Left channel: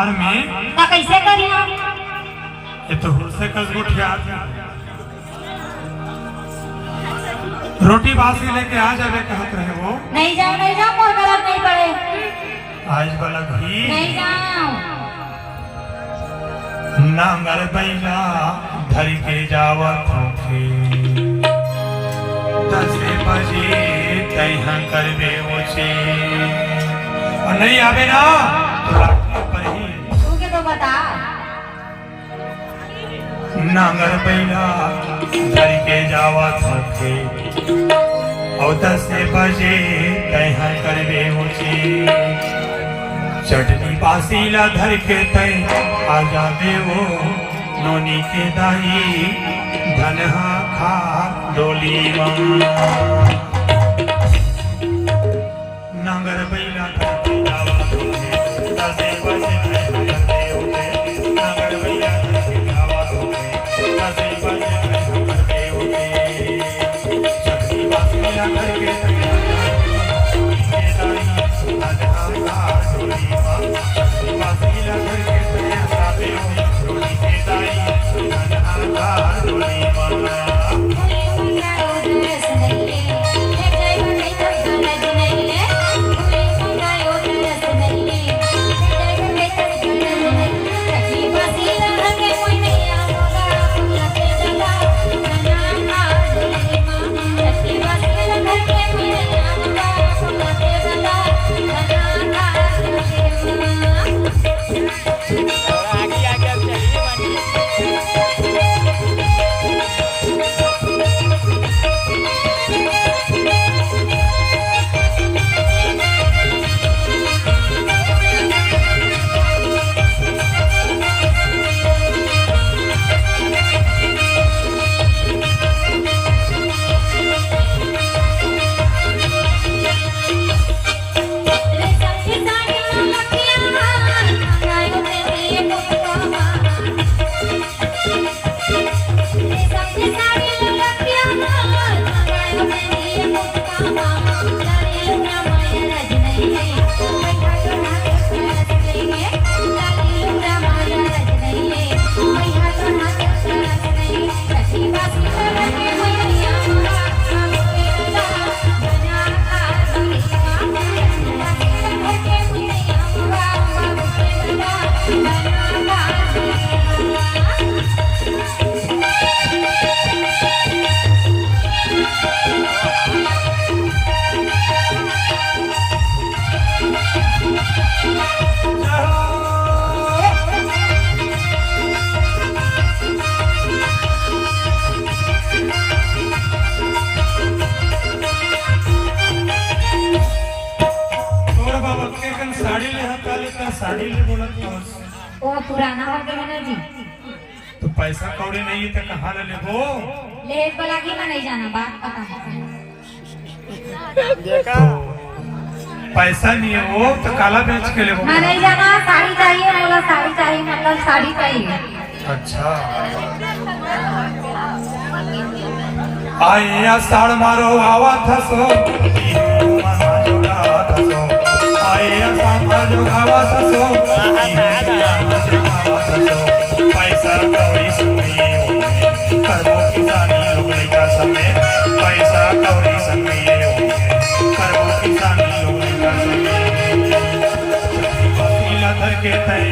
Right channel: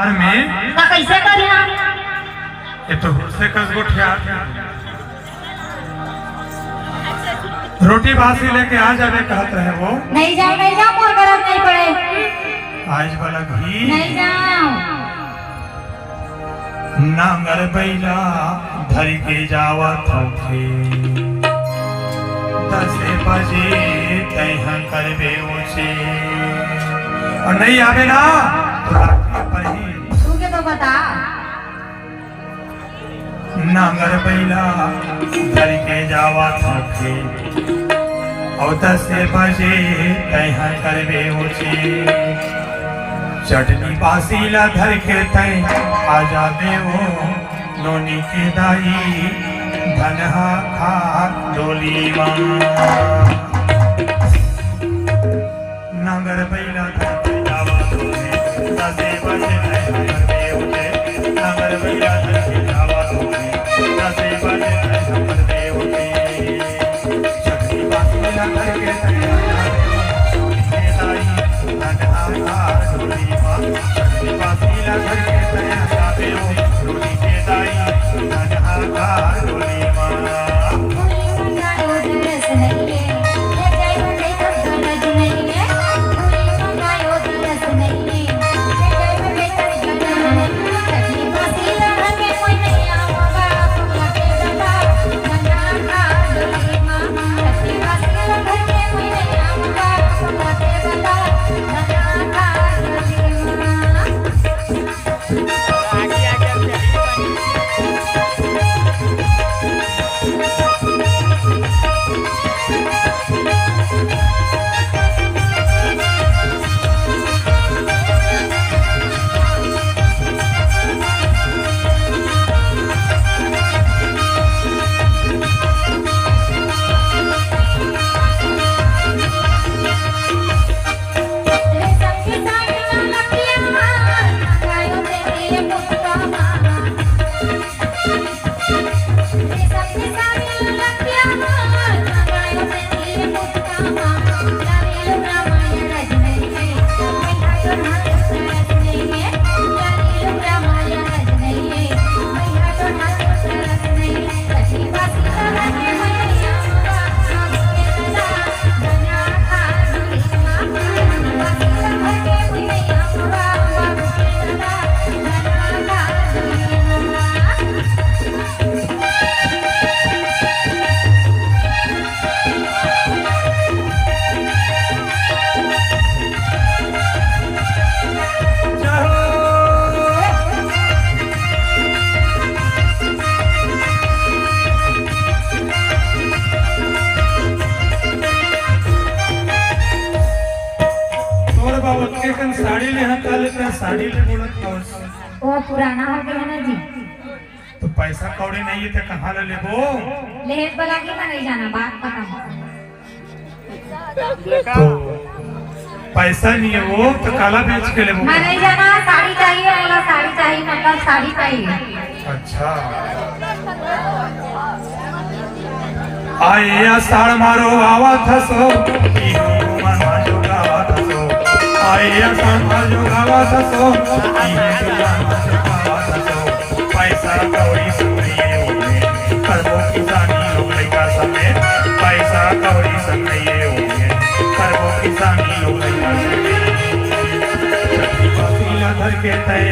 और में का कैसे करिया ये तो से कस गुठिया रोटी बासी लेके आ जावे कहत रहे वो नहीं जाओ मोर गरज नहीं पड़े आज वाला घी नहीं जाओ नांगर बैला धर के जावत होके 10 बजे तैहा करबे उसे और नहीं आवे ना तो रात पही तू के तो बता नांगर बैला धर के जावत होके और 10 बजे तैहा करबे उसे चटनी बासीला धर के तय आ जावे वो नोनी के दाई धनहा खा डोली नंगर बैला धर के जावा धोखे 10 बजे नंगर बैला धर के जावा धोखे 10 बजे चटनी बासीला धर के तय आ जावे वो नोनी के दाई धनहा खा डोली बासीला घर के तय आते हो के दाई धनहा खा डोली साड़ी ले बोलत वो पुराना हो गया ना जी तो पैसा कौड़ी नहीं है तो कहाँ ले लेबो लेट बोला कि नहीं जाना बात पता तो पैसा नहीं है वो तो काला बेच के लेबो मैं नहीं जाना साड़ी चाहिए मेरा साड़ी चाहिए मतलब साड़ी चाहिए अच्छा आए आषाढ़ मारो आवा थसो आए आषाढ़ मारो आवा थसो पैसा कौड़ी सुनिए होगे करबो किसानी लोग लइका समे पैसा कौड़ी सुनिए होगे करबो किसानी लोग लइका समे छठी बकरीला धर के तय